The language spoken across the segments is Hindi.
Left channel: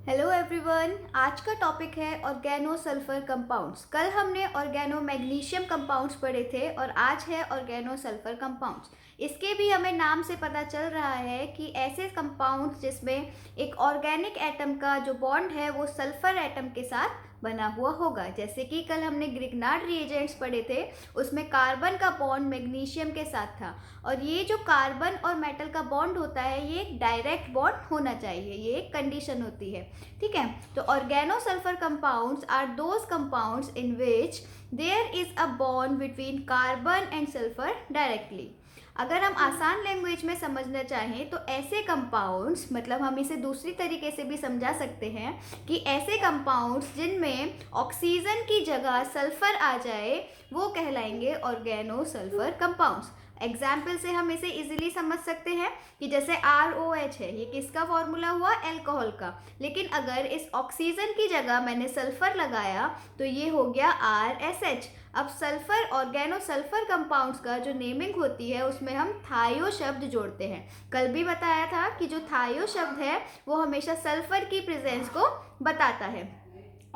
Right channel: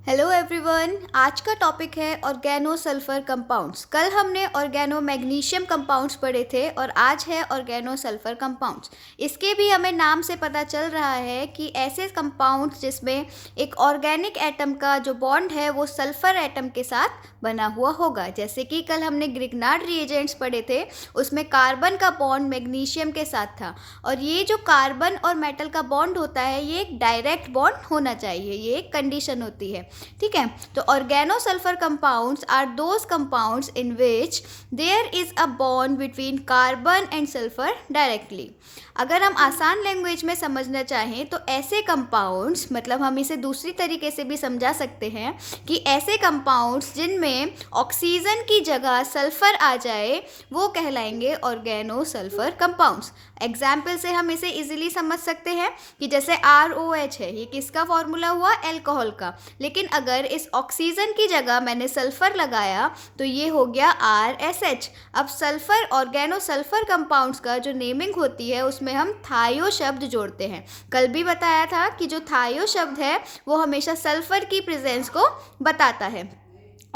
Hello everyone. आज का टॉपिक है ऑर्गेनो सल्फर कंपाउंड्स। कल हमने ऑर्गेनो मैग्नीशियम कंपाउंड्स पढ़े थे और आज है ऑर्गेनो सल्फर कंपाउंड्स। इसके भी हमें नाम से पता चल रहा है कि ऐसे कंपाउंड्स जिसमें एक ऑर्गेनिक एटम का जो बॉन्ड है वो सल्फर एटम के साथ बना हुआ होगा। जैसे कि कल हमने ग्रिग्नार्ड रिएजेंट्स पढ़े थे, उसमें कार्बन का बॉन्ड मैग्नीशियम के साथ था और ये जो कार्बन और मेटल का बॉन्ड होता है ये एक डायरेक्ट बॉन्ड होना चाहिए, ये एक कंडीशन होती है। ठीक है, तो organosulphur compounds are those compounds in which there is a bond between carbon and sulphur directly. अगर हम आसान लैंग्वेज में समझना चाहें तो ऐसे कंपाउंड्स, मतलब हम इसे दूसरी तरीके से भी समझा सकते हैं कि ऐसे कंपाउंड्स जिनमें ऑक्सीजन की जगह सल्फर आ जाए वो कहलाएंगे ऑर्गेनो सल्फर कंपाउंड्स। एग्जाम्पल से हम इसे इजीली समझ सकते हैं कि जैसे ROH है, ये किसका फॉर्मूला हुआ? एल्कोहल का। लेकिन अगर इस ऑक्सीजन की जगह मैंने सल्फर लगाया तो ये हो गया RSH। अब सल्फर, ऑर्गेनो सल्फर कंपाउंड्स का जो नेमिंग होती है उसमें हम थायो शब्द जोड़ते हैं। कल भी बताया था कि जो थायो शब्द है वो हमेशा सल्फर की प्रेजेंस को बताता है।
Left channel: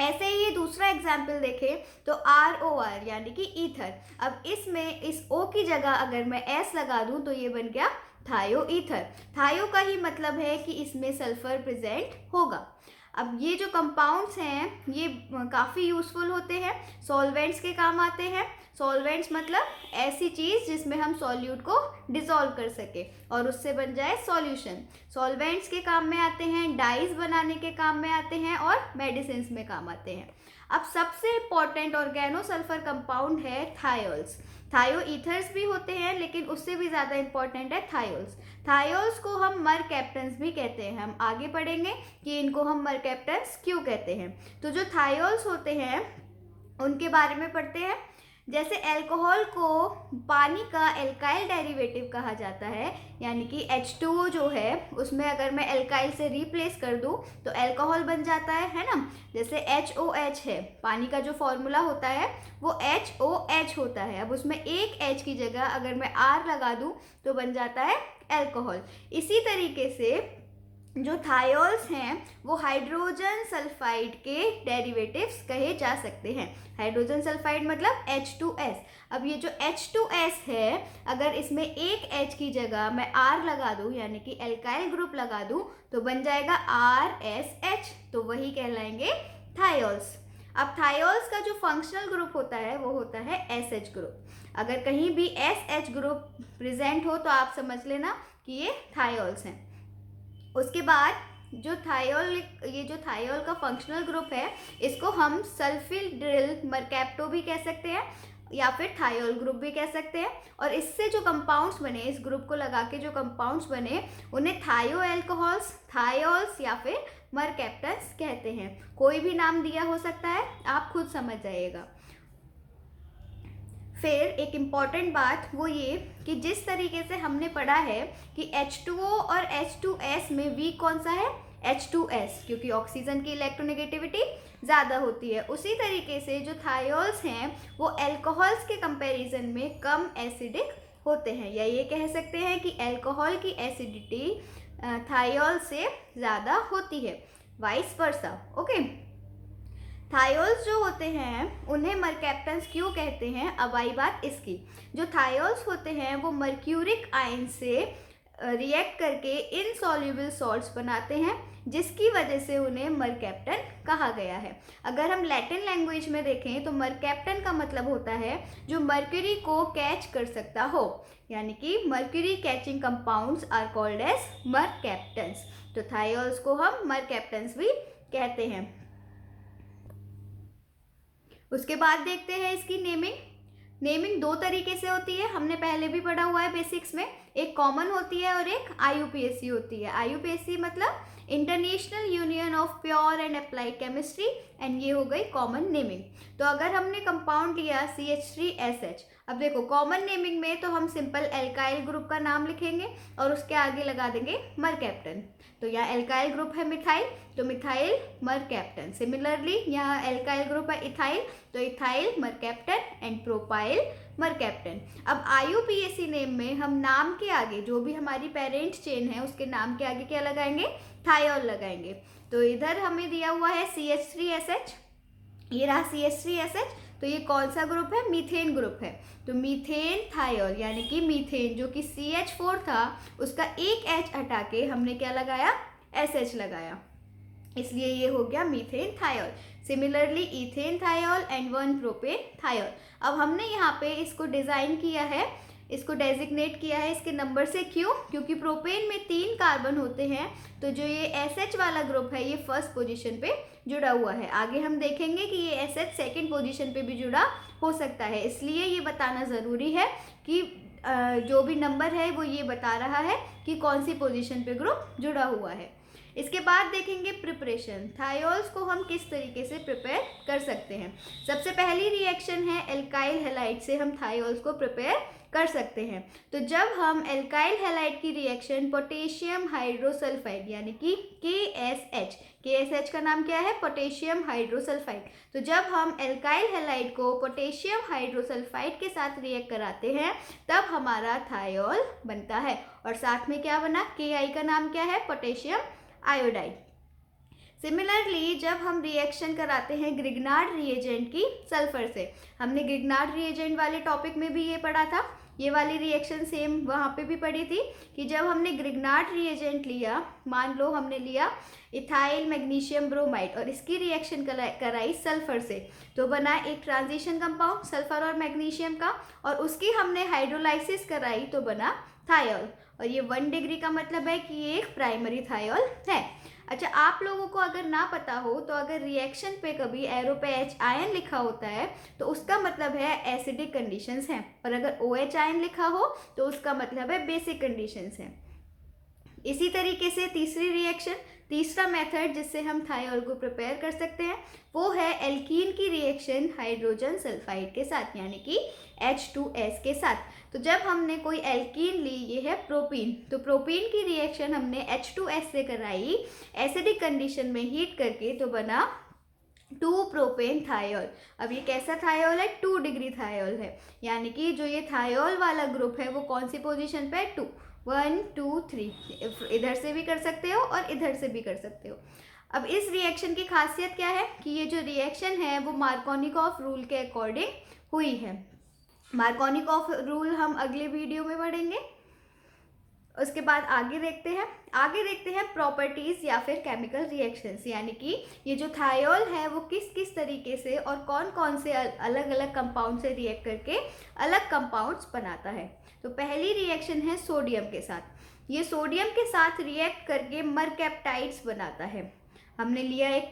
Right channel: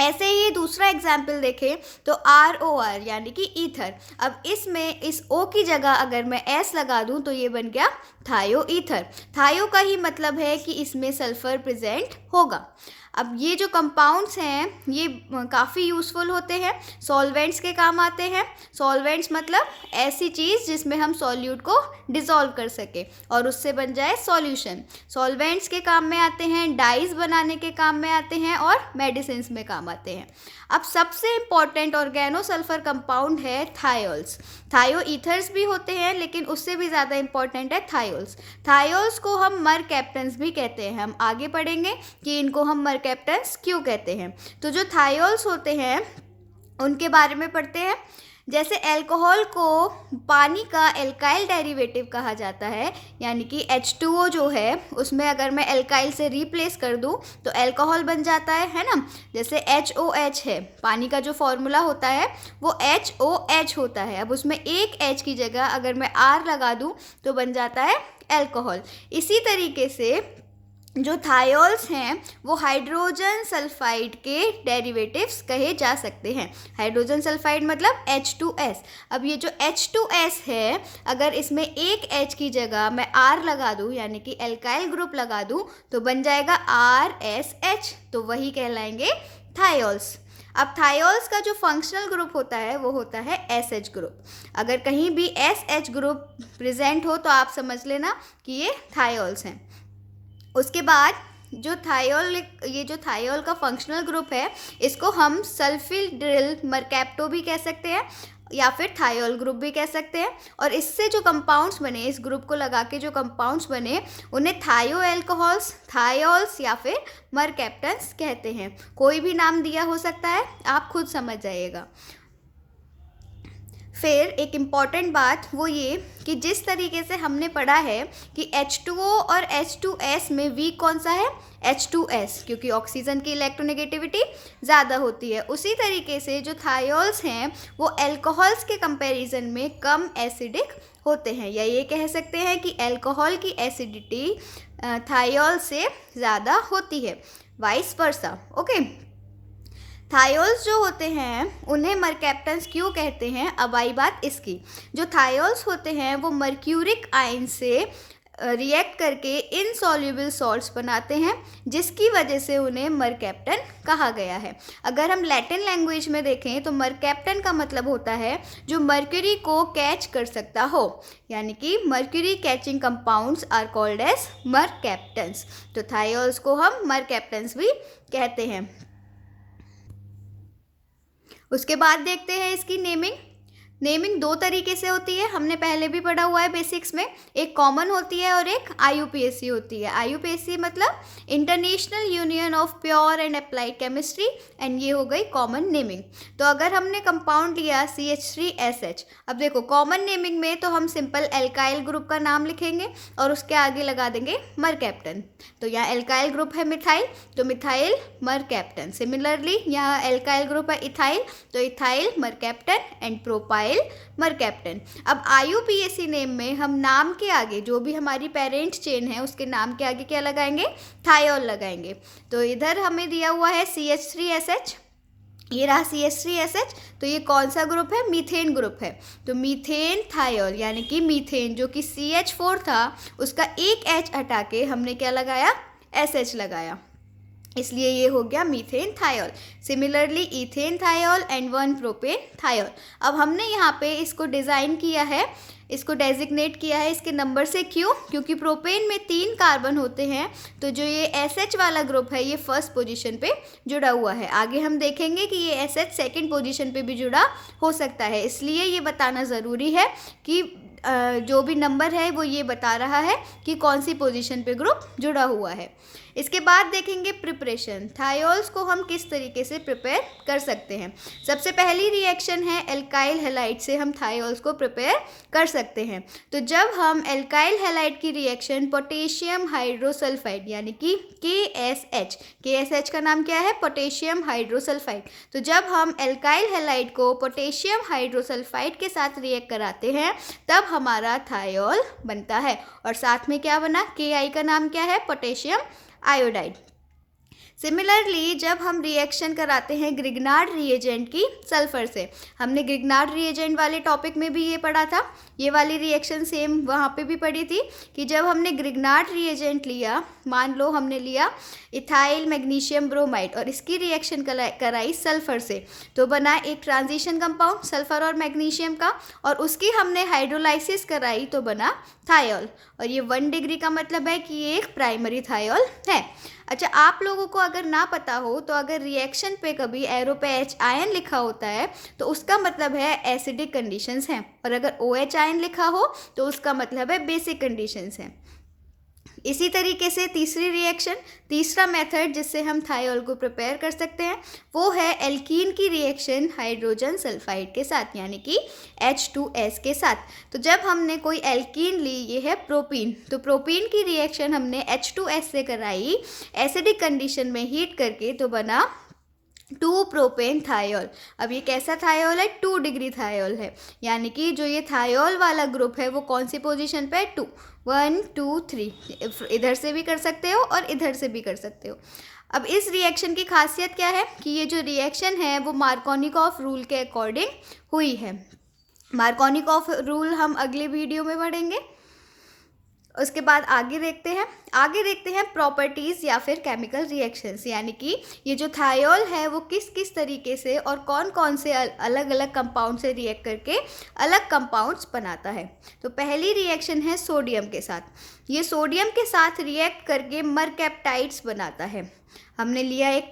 ऐसे ही दूसरा एग्जाम्पल देखें तो ROR यानी कि ईथर। अब इसमें इस O की जगह अगर मैं S लगा दूं तो ये बन गया थायो ईथर। थायो का ही मतलब है कि इसमें सल्फर प्रेजेंट होगा। अब ये जो कंपाउंड्स हैं ये काफ़ी यूज़फुल होते हैं, सॉल्वेंट्स के काम आते हैं। सॉल्वेंट्स मतलब ऐसी चीज़ जिसमें हम सॉल्यूट को डिसॉल्व कर सके और उससे बन जाए सॉल्यूशन। सॉल्वेंट्स के काम में आते हैं, डाइज बनाने के काम में आते हैं और मेडिसिन्स में काम आते हैं। अब सबसे इम्पॉर्टेंट ऑर्गेनो सल्फर कंपाउंड है थायोल्स। थायो ईथर्स भी होते हैं लेकिन उससे भी ज़्यादा इम्पॉर्टेंट है थायोल्स। थायोल्स को हम मरकैप्टन्स भी कहते हैं। हम आगे पढ़ेंगे कि इनको हम मरकैप्टन्स क्यों कहते हैं। तो जो थायोल्स होते हैं उनके बारे में पढ़ते हैं। जैसे अल्कोहल को पानी का एल्काइल डेरिवेटिव कहा जाता है, यानी कि H2O जो है उसमें अगर मैं एल्काइल से रिप्लेस कर दूं तो अल्कोहल बन जाता है ना। जैसे HOH है, पानी का जो फॉर्मूला होता है वो HOH होता है। अब उसमें एक H की जगह अगर मैं R लगा दूं तो बन जाता है अल्कोहल। इसी तरीके से जो थायोल्स हैं वो हाइड्रोजन सल्फाइड के डेरिवेटिव्स कहे जा सकते हैं। हाइड्रोजन सल्फाइड मतलब H2S। अब ये जो H2S है अगर इसमें एक H की जगह मैं R लगा दूं यानी कि एल्काइल ग्रुप लगा दूं तो बन जाएगा RSH, तो वही कहलाएंगे थायोल्स। अब थायोल्स का जो फंक्शनल ग्रुप होता है वो होता है SH ग्रुप। अगर कहीं भी SH ग्रुप प्रेजेंट हो तो आप समझ लेना कि ये थायोल्स हैं। उसके बाद जो थायोल, ये जो थायोल का फंक्शनल ग्रुप है इसको हम सल्फिल्ड्रिल मरकैप्टो भी कह सकते हैं या फिर थायोल ग्रुप भी कह सकते हैं। और इससे जो कंपाउंड्स बने, इस ग्रुप को लगा के जो कंपाउंड्स बने उन्हें थायो एल्कोहल्स, थायोल्स या फिर मरकैप्टन्स कहते हैं। कोई भी नाम दिया हो सकता है, आप खुद समझ जाइएगा। फिर एक इम्पॉर्टेंट बात वो ये कि जिस तरीके से हमने पढ़ा है कि H2O और H2S में वीक कौन सा है? H2S, क्योंकि ऑक्सीजन की इलेक्ट्रोनेगेटिविटी ज़्यादा होती है। उसी तरीके से जो थायोल्स हैं वो अल्कोहल्स के कंपैरिजन में कम एसिडिक होते हैं, या ये कह सकते हैं कि अल्कोहल की एसिडिटी थायोल से ज़्यादा होती है, वाइस वर्सा। ओके, थायोल्स जो होते हैं उन्हें मरकैप्टन्स क्यों कहते हैं? अब आई बात इसकी। जो थायोल्स होते हैं वो मर्क्यूरिक आयन से रिएक्ट करके इनसॉल्युबल सॉल्ट्स बनाते हैं जिसकी वजह से उन्हें मरकैप्टन कहा गया है। अगर हम लैटिन लैंग्वेज में देखें तो मरकैप्टन का मतलब होता है जो मर्क्यूरी को कैच कर सकता हो, यानी कि mercury catching compounds are called as mercaptans. तो थायोल्स को हम मरकैप्टन्स भी कहते हैं। उसके बाद देखते हैं इसकी नेमिंग। नेमिंग दो तरीके से होती है, हमने पहले भी पढ़ा हुआ है बेसिक्स में। एक कॉमन होती है और एक IUPAC होती है। IUPAC मतलब international union of pure and applied chemistry, and ये हो गई कॉमन नेमिंग। तो अगर हमने कंपाउंड लिया CH3SH, अब देखो कॉमन नेमिंग में तो हम सिंपल एल्काइल ग्रुप का नाम लिखेंगे और उसके आगे लगा देंगे मरकैप्टन। तो यहाँ एल्काइल ग्रुप है मिथाइल, तो मिथाइल मरकैप्टन। सिमिलरली यहाँ एल्काइल ग्रुप है इथाइल, तो ethyl mercaptan and propyl ethyl mercaptan. अब IUPAC नेम में हम नाम के आगे, जो भी हमारी पेरेंट चेन है उसके नाम के आगे क्या लगाएंगे, थायोल लगाएंगे। तो इधर हमें दिया हुआ है CH3SH, ये रहा CH3SH, तो ये कौन सा ग्रुप है, मीथेन ग्रुप है। तो मीथेन थायोल यानी कि मीथेन जो कि CH4 था उसका एक H हटा के हमने क्या लगाया, SH लगाया, इसलिए ये हो गया methane thiol. Similarly ethane thiol and 1 propane thiol. अब हमने यहाँ पे इसको डिज़ाइन किया है, इसको डेजिग्नेट किया है इसके नंबर से। क्यों? क्योंकि प्रोपेन में 3 कार्बन होते हैं, तो जो ये SH वाला ग्रुप है ये फर्स्ट पोजीशन पे जुड़ा हुआ है। आगे हम देखेंगे कि ये SH सेकंड पोजीशन पे भी जुड़ा हो सकता है, इसलिए ये बताना ज़रूरी है कि जो भी नंबर है वो ये बता रहा है कि कौन सी पोजीशन पे ग्रुप जुड़ा हुआ है। इसके बाद देखेंगे प्रिपरेशन, थायोल्स को हम किस तरीके से प्रिपेयर कर सकते हैं। सबसे पहली रिएक्शन है एल्काइल हैलाइड से हम थायोल्स को प्रिपेयर कर सकते हैं। तो जब हम एल्काइल हैलाइड की रिएक्शन पोटेशियम हाइड्रोसल्फाइड यानी कि KSH का नाम क्या है, पोटेशियम हाइड्रोसल्फाइड। तो जब हम एल्काइल हैलाइड को पोटेशियम हाइड्रोसल्फाइड के साथ रिएक्ट कराते हैं तब हमारा थायोल बनता है, और साथ में क्या बना, Ki का नाम क्या है, पोटेशियम आयोडाइड। सिमिलरली जब हम रिएक्शन कराते हैं ग्रिग्नार्ड रिएजेंट की सल्फर से, हमने ग्रिग्नार्ड रिएजेंट वाले टॉपिक में भी ये पढ़ा था, ये वाली रिएक्शन सेम वहाँ पे भी पढ़ी थी कि जब हमने ग्रिग्नार्ड रिएजेंट लिया, मान लो हमने लिया इथाइल मैग्नीशियम ब्रोमाइड और इसकी रिएक्शन कराई सल्फर से, तो बना एक ट्रांजिशन कंपाउंड सल्फर और मैग्नीशियम का, और उसकी हमने हाइड्रोलाइसिस कराई तो बना थायोल। और ये 1 डिग्री का मतलब है कि ये एक प्राइमरी थायोल है। अच्छा, आप लोगों को अगर ना पता हो तो अगर रिएक्शन पे कभी एरो पे H आयन लिखा होता है तो उसका मतलब है एसिडिक कंडीशंस हैं, और अगर OH आयन लिखा हो तो उसका मतलब है बेसिक कंडीशंस हैं। इसी तरीके से तीसरी रिएक्शन, तीसरा मेथड जिससे हम थायोल को प्रिपेयर कर सकते हैं वो है एल्कीन की रिएक्शन हाइड्रोजन सल्फाइड के साथ यानी कि H2S के साथ। तो जब हमने कोई एल्कीन ली, ये है प्रोपीन, तो प्रोपीन की रिएक्शन हमने H2S से कराई एसिडिक कंडीशन में हीट करके, तो बना 2 प्रोपेन थायोल। अब ये कैसा थायोल है, 2 डिग्री थायोल है, यानी कि जो ये थायोल वाला ग्रुप है वो कौन सी पोजीशन पे है, 2, 1 2 3, इधर से भी कर सकते हो और इधर से भी कर सकते हो। अब इस रिएक्शन की खासियत क्या है कि ये जो रिएक्शन है वो मार्कोनिकॉफ रूल के अकॉर्डिंग हुई है। मार्कोनिकॉफ रूल हम अगले वीडियो में पढ़ेंगे। उसके बाद आगे देखते हैं प्रॉपर्टीज़ या फिर केमिकल रिएक्शंस, यानी कि ये जो थायोल है वो किस किस तरीके से और कौन कौन से अलग अलग कंपाउंड से रिएक्ट करके अलग कंपाउंड्स बनाता है। तो पहली रिएक्शन है सोडियम के साथ। ये सोडियम के साथ रिएक्ट करके मरकैप्टाइड्स बनाता है। हमने लिया एक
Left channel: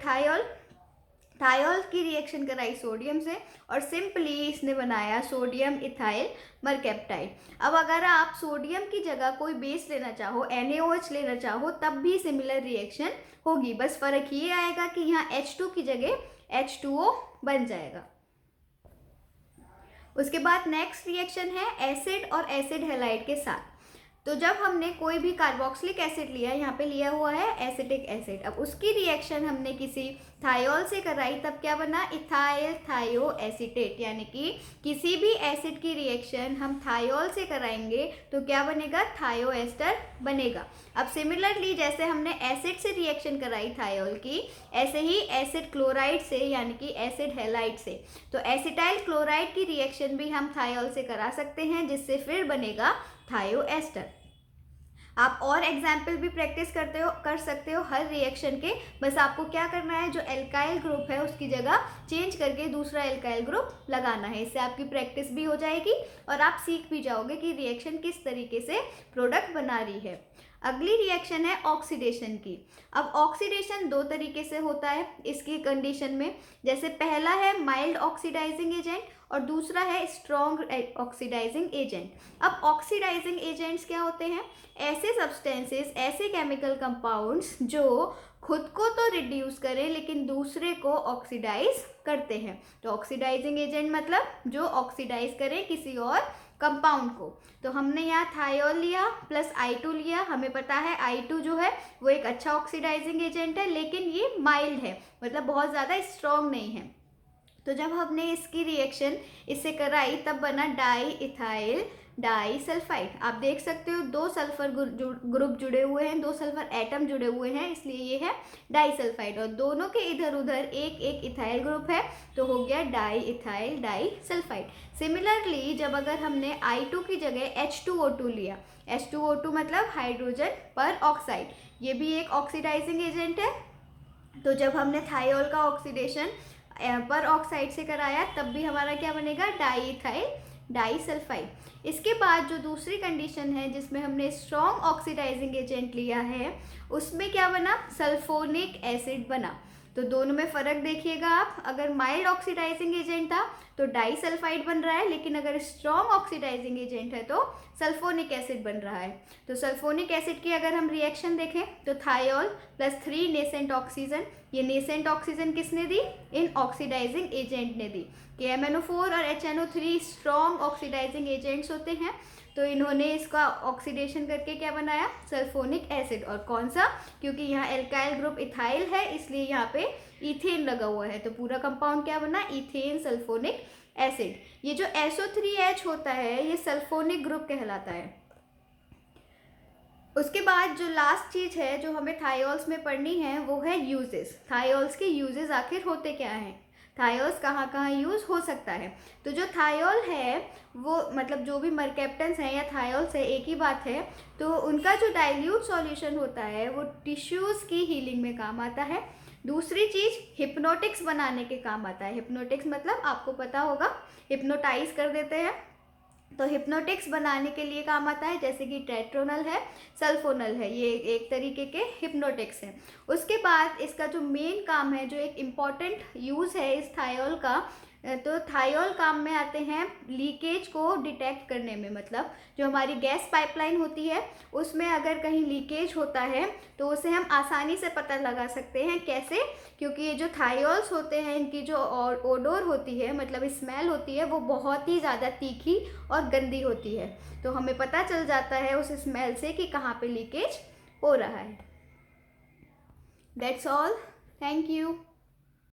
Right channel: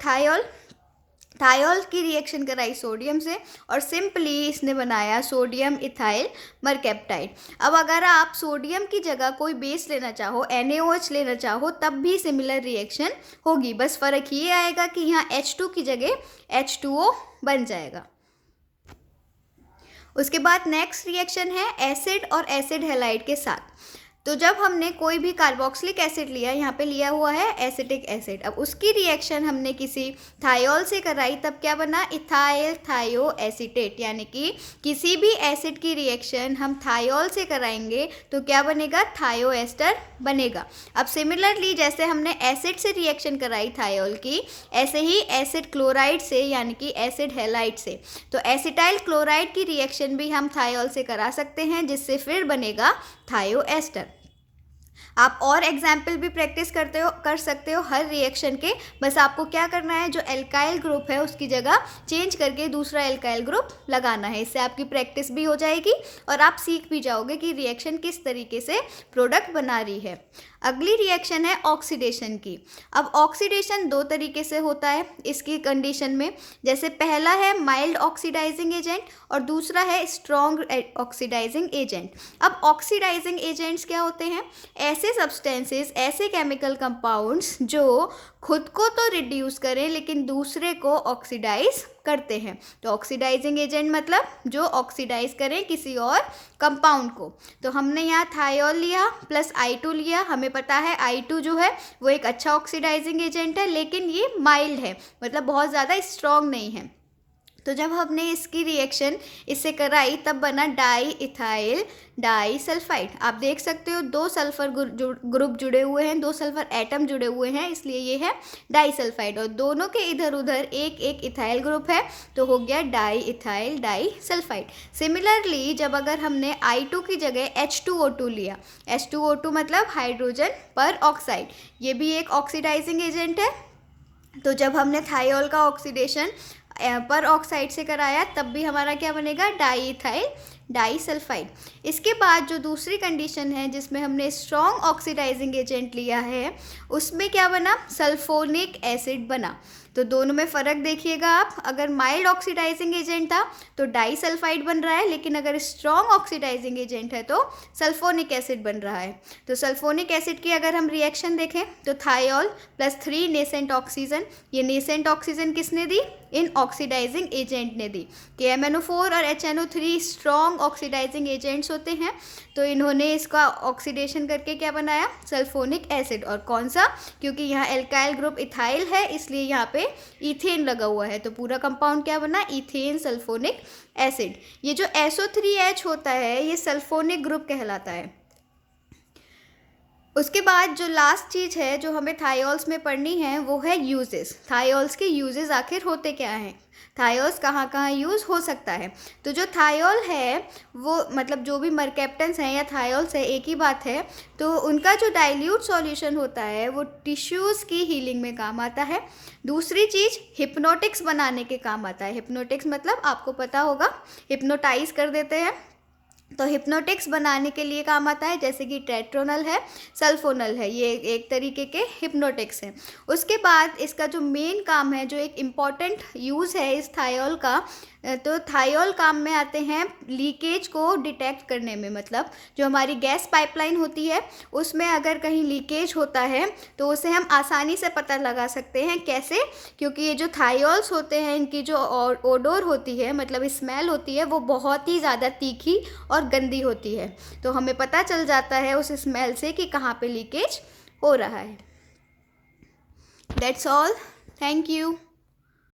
थायोल की रिएक्शन कराई सोडियम से और सिंपली इसने बनाया सोडियम इथाइल मरकैप्टाइड। अब अगर आप सोडियम की जगह कोई बेस लेना चाहो, NaOH लेना चाहो, तब भी सिमिलर रिएक्शन होगी, बस फ़र्क ये आएगा कि यहाँ H2 की जगह H2O बन जाएगा। उसके बाद नेक्स्ट रिएक्शन है एसिड और एसिड हैलाइड के साथ। तो जब हमने कोई भी कार्बोक्सिलिक एसिड लिया, यहाँ पे लिया हुआ है एसिटिक एसिड, अब उसकी रिएक्शन हमने किसी थायोल से कराई, तब क्या बना, इथाइल थायो एसीटेट, यानी कि किसी भी एसिड की रिएक्शन हम थायोल से कराएंगे तो क्या बनेगा, थायो एस्टर बनेगा। अब सिमिलरली जैसे हमने एसिड से रिएक्शन कराई थायोल की, ऐसे ही एसिड क्लोराइड से यानी कि एसिड हैलाइड से, तो एसिटाइल क्लोराइड की रिएक्शन भी हम थायोल से करा सकते हैं, जिससे फिर बनेगा थायो एस्टर। आप और एग्जाम्पल भी प्रैक्टिस कर सकते हो हर रिएक्शन के, बस आपको क्या करना है, जो एल्काइल ग्रुप है उसकी जगह चेंज करके दूसरा एल्काइल ग्रुप लगाना है। इससे आपकी प्रैक्टिस भी हो जाएगी और आप सीख भी जाओगे कि रिएक्शन किस तरीके से प्रोडक्ट बना रही है। अगली रिएक्शन है ऑक्सीडेशन की। अब ऑक्सीडेशन 2 तरीके से होता है इसकी कंडीशन में, जैसे पहला है माइल्ड ऑक्सीडाइजिंग एजेंट और दूसरा है स्ट्रॉन्ग ऑक्सीडाइजिंग एजेंट। अब ऑक्सीडाइजिंग एजेंट्स क्या होते हैं, ऐसे सब्सटेंसेस, ऐसे केमिकल कंपाउंड्स जो खुद को तो रिड्यूस करें लेकिन दूसरे को ऑक्सीडाइज करते हैं। तो ऑक्सीडाइजिंग एजेंट मतलब जो ऑक्सीडाइज करें किसी और कंपाउंड को। तो हमने यहाँ थायोल लिया प्लस I2 लिया, हमें पता है I2 जो है वो एक अच्छा ऑक्सीडाइजिंग एजेंट है, लेकिन ये माइल्ड है, मतलब बहुत ज़्यादा स्ट्रॉन्ग नहीं है। तो जब हमने इसकी रिएक्शन इससे कराई तब बना डाई इथाइल डाई सल्फाइड। आप देख सकते हो दो सल्फर ग्रुप जुड़े हुए हैं, दो सल्फर एटम जुड़े हुए हैं, इसलिए ये है डाई सल्फाइड। और दोनों के इधर उधर एक एक इथाइल ग्रुप है, तो हो गया diethyl disulphide. Similarly जब अगर हमने I2 की जगह H2O2 लिया, H2O2 मतलब हाइड्रोजन पर ऑक्साइड, ये भी एक ऑक्सीडाइजिंग एजेंट है। तो जब हमने थायोल का ऑक्सीडेशन पर ऑक्साइड से कराया तब भी हमारा क्या बनेगा, डाई इथाइल डाई सल्फाइड। इसके बाद जो दूसरी कंडीशन है जिसमें हमने स्ट्रॉन्ग ऑक्सीडाइजिंग एजेंट लिया है, उसमें क्या बना, सल्फोनिक एसिड बना। तो दोनों में फ़र्क देखिएगा आप, अगर माइल्ड ऑक्सीडाइजिंग एजेंट था तो डाई सल्फाइड बन रहा है, लेकिन अगर स्ट्रॉन्ग ऑक्सीडाइजिंग एजेंट है तो सल्फोनिक एसिड बन रहा है। तो सल्फोनिक एसिड की अगर हम रिएक्शन देखें तो थायोल प्लस 3 नेसेंट ऑक्सीजन, ये नेसेंट ऑक्सीजन किसने दी, इन ऑक्सीडाइजिंग एजेंट ने दी। KMnO4 और HNO3 स्ट्रॉन्ग ऑक्सीडाइजिंग एजेंट्स होते हैं, तो इन्होंने इसका ऑक्सीडेशन करके क्या बनाया, सल्फोनिक एसिड। और कौन सा, क्योंकि यहाँ एल्काइल ग्रुप इथाइल है इसलिए यहाँ पे इथेन लगा हुआ है, तो पूरा कंपाउंड क्या बना, इथेन सल्फोनिक एसिड। ये जो SO3H होता है ये सल्फोनिक ग्रुप कहलाता है। उसके बाद जो लास्ट चीज़ है जो हमें थायोल्स में पढ़नी है वो है यूजेस। थायोल्स के यूजेस आखिर होते क्या हैं, थायोल्स कहाँ कहाँ यूज़ हो सकता है। तो जो थायोल है वो मतलब जो भी मरकैप्टन्स हैं या थायोल्स है एक ही बात है, तो उनका जो डाइल्यूट सॉल्यूशन होता है वो टिश्यूज़ की हीलिंग में काम आता है। दूसरी चीज़ हिप्नोटिक्स बनाने के काम आता है। हिप्नोटिक्स मतलब आपको पता होगा, हिप्नोटाइज कर देते हैं, तो हिप्नोटिक्स बनाने के लिए काम आता है, जैसे कि टेट्रोनल है, सल्फोनल है, ये एक तरीके के हिप्नोटिक्स हैं। उसके बाद इसका जो मेन काम है, जो एक इम्पॉर्टेंट यूज़ है इस थायोल का, तो थायोल काम में आते हैं लीकेज को डिटेक्ट करने में। मतलब जो हमारी गैस पाइपलाइन होती है उसमें अगर कहीं लीकेज होता है तो उसे हम आसानी से पता लगा सकते हैं। कैसे, क्योंकि ये जो थायोल्स होते हैं इनकी जो ओडोर होती है, मतलब स्मेल होती है, वो बहुत ही ज़्यादा तीखी और गंदी होती है, तो हमें पता चल जाता है उस स्मेल से कि कहाँ पे लीकेज हो रहा है। That's all, thank you.